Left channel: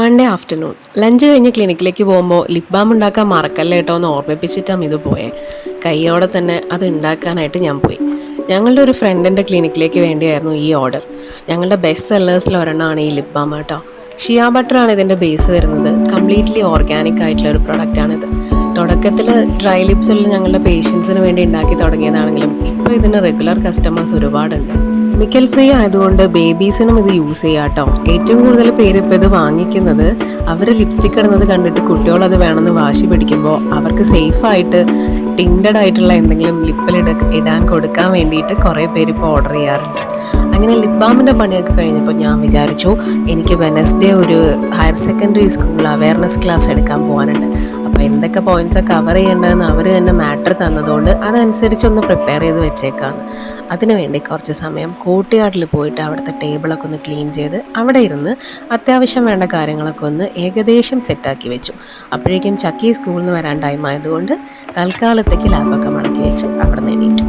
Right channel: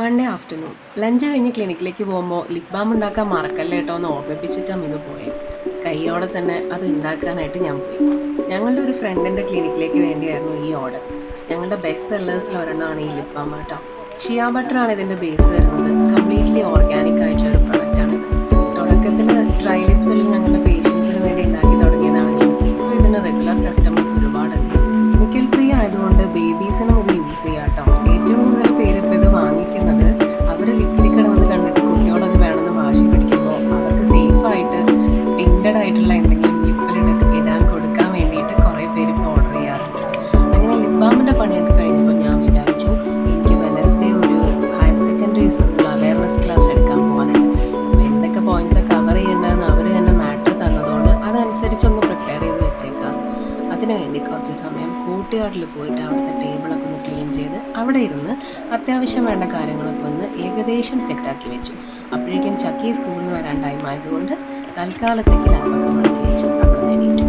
Monday afternoon lunch കഴിഞ്ഞ് ക്ലിനിക്കിലേക്ക് പോകുമ്പോൾ ലിപ് ബാം ഉണ്ടാക്കാൻ മറക്കല്ലേ കേട്ടോ എന്ന് ഓർമ്മിപ്പിച്ചിട്ടാണ് ഇത് പോയെ. കൈയോടെ തന്നെ അത് ഉണ്ടാക്കാനായിട്ട് ഞാൻ പോയി. ഞങ്ങളുടെ ഒരു ഫ്രണ്ടിൻ്റെ ക്ലിനിക്കിലേക്ക് വേണ്ടിയായിരുന്നു ഈ ഓർഡർ. ഞങ്ങളുടെ ബെസ്റ്റ് സെല്ലേഴ്സിൽ ഒരെണ്ണമാണ് ഈ ലിപ് ബാം കേട്ടോ. ഷിയ ബട്ടറാണ് ഇതിൻ്റെ ബേസ് വരുന്നത്. കംപ്ലീറ്റ്ലി ഓർഗാനിക് ആയിട്ടുള്ള ഒരു പ്രൊഡക്റ്റാണിത്. തുടക്കത്തിൽ ഡ്രൈ ലിപ്സിൽ ഞങ്ങളുടെ പേഷ്യൻസിന് വേണ്ടി ഉണ്ടാക്കി തുടങ്ങിയതാണെങ്കിലും ഇപ്പോൾ ഇതിന് റെഗുലർ കസ്റ്റമേഴ്സ് ഒരുപാടുണ്ട്. കെമിക്കൽ ഫ്രീ ആയതുകൊണ്ട് ബേബീസിനും ഇത് യൂസ് ചെയ്യാം കേട്ടോ. ഏറ്റവും കൂടുതൽ പേര് ഇപ്പോൾ ഇത് വാങ്ങിക്കുന്നത് അവർ ലിപ്സ്റ്റിക് ഇടുന്നത് കണ്ടിട്ട് കുട്ടികൾ അത് വേണമെന്ന് വാശി പിടിക്കുമ്പോൾ അവർക്ക് സേഫായിട്ട് ടിൻഡഡ് ആയിട്ടുള്ള എന്തെങ്കിലും ലിപ്പിൽ ഇടാൻ കൊടുക്കാൻ വേണ്ടിയിട്ട് കുറേ പേര് ഇപ്പോൾ ഓർഡർ ചെയ്യാറുണ്ട്. അങ്ങനെ ലിപ് ബാമിൻ്റെ പണിയൊക്കെ കഴിഞ്ഞപ്പോൾ ഞാൻ വിചാരിച്ചു എനിക്ക് വെനസ്ഡേ ഒരു higher secondary school awareness class എടുക്കാൻ പോകാനുണ്ട്. അപ്പോൾ എന്തൊക്കെ പോയിന്റ്സ് കവർ ചെയ്യേണ്ടതെന്ന് അവർ തന്നെ മാറ്റർ തന്നതുകൊണ്ട് അതനുസരിച്ചൊന്ന് പ്രിപ്പയർ ചെയ്ത് വെച്ചേക്കാമെന്ന്. അതിനുവേണ്ടി കുറച്ച് സമയം കോർട്ട്യാർഡിൽ പോയിട്ട് അവിടുത്തെ ടേബിളൊക്കെ ഒന്ന് ക്ലീൻ ചെയ്ത് അവിടെ ഇരുന്ന് അത്യാവശ്യം വേണ്ട കാര്യങ്ങളൊക്കെ ഒന്ന് ഏകദേശം സെറ്റാക്കി വെച്ചു. അപ്പോഴേക്കും ചക്കി സ്കൂളിൽ നിന്ന് വരാൻ ടൈം ആയതുകൊണ്ട് തൽക്കാലത്തേക്ക് ലാപ്പൊക്കെ മടക്കി വെച്ച് അവിടെ നിന്ന് എണീറ്റു.